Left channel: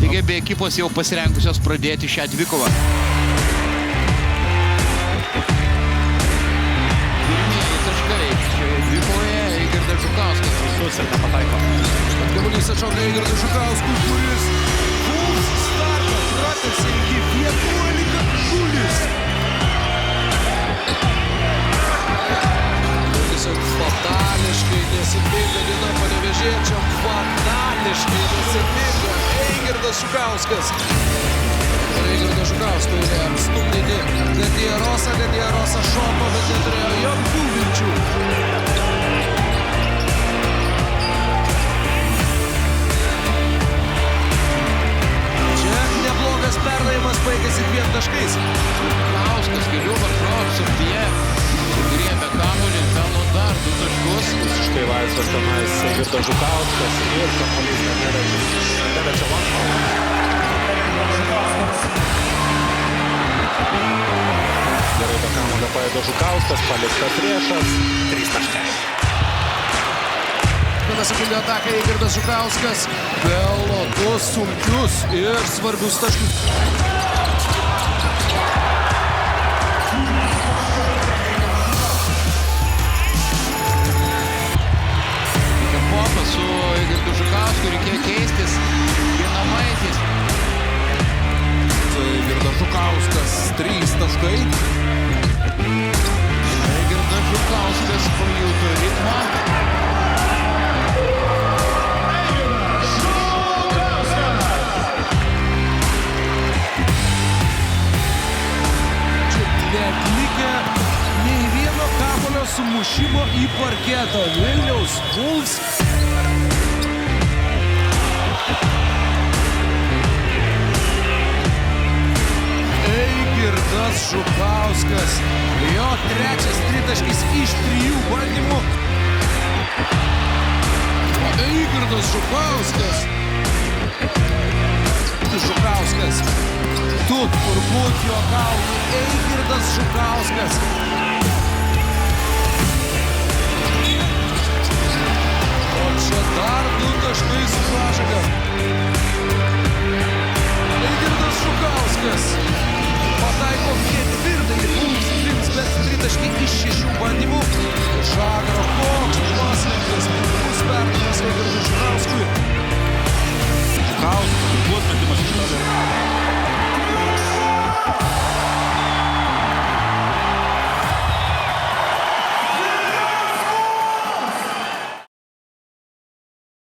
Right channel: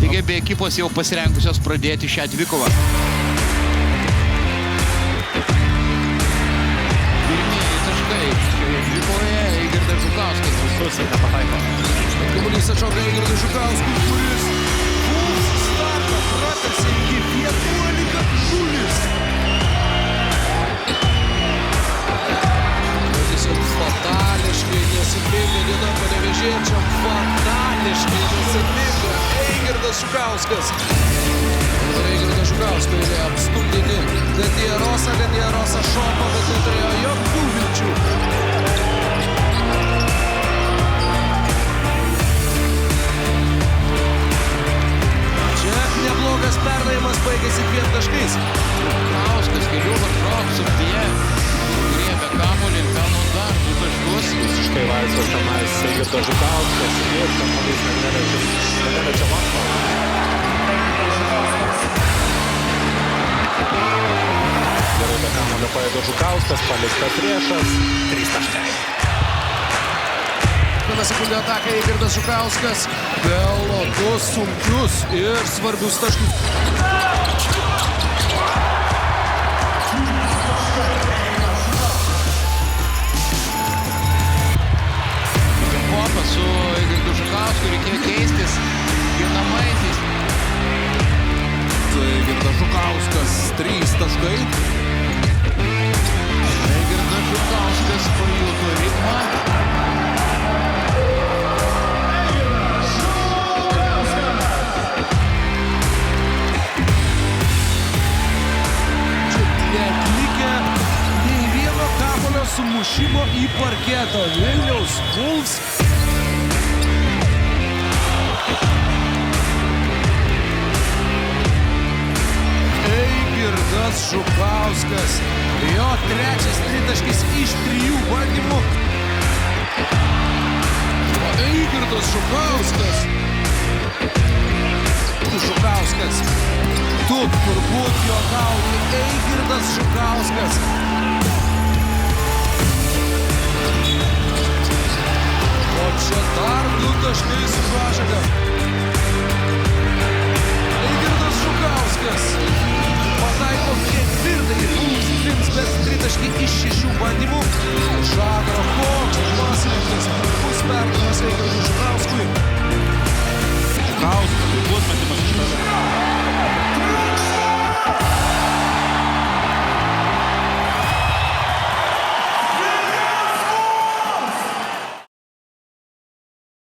Taigi abi ekipos jau pasirengusios pradėti šią dvikovą. Pirmieji taškai šioje dvikovoje Eigirdas Žukauskas visus ir nepataiko. Kamuolys atšoka Eigirdas Žukauskui, kuris Wolves startą pratęsė iki 11-0. Tiesiog fatališkai nesėkminga diena panevėžiečiam. Fatališkai nesėkminga Eigirdas Žukauskas. Dabar Eigirdas Žukausko eilė apstumdyti Gadierosą. Gadierosą šoko, bet neturėjo jokių vilčių. Neblogas perdavimas baigėsi 2 taškais. Žukauskas kelių varžovų subtyje sugriebė kamuolį ir pelno dar 2 taškus. Visiškai laisvas tenais Eigirdas Žukauskas ir kamuolys neneliečia lanko. Gerai be kamuolio paėdo Žukauskas, paliktas priešas. 3 taškai. Vieną sekundę ataką Eigirdas Žukauskas pelno 2 sunkius ir svarbius taškus. Kempopas su Eigirdu Žukausku reikėjo keistis ginamaisiais. Eigirdas Žukauskas 3 taškai. Eigirdas Žukauskas pajuto ritmą. Neatlikę nei vieno kamuolio sumušimo į parketą. Vilniaus Wolves. Eigirdas Žukauskas. Jo 3 tritaškis iš 3 bandymų. O Eigirdas Žukauskas. Žukauskas. Tu turbūt juokauji, Eigirdas Žukauskas. O čia dar 2 taškai su pražanga. Eigirdas Žukauskas pataiko 4-ąjį Wolves trims, bet 3 taškai iš 6 bandymų. Žagaro koks pasirinktas puikus perdavimas Eigirdas Žukauskui. Žukauskas, puikus metimas iš toli.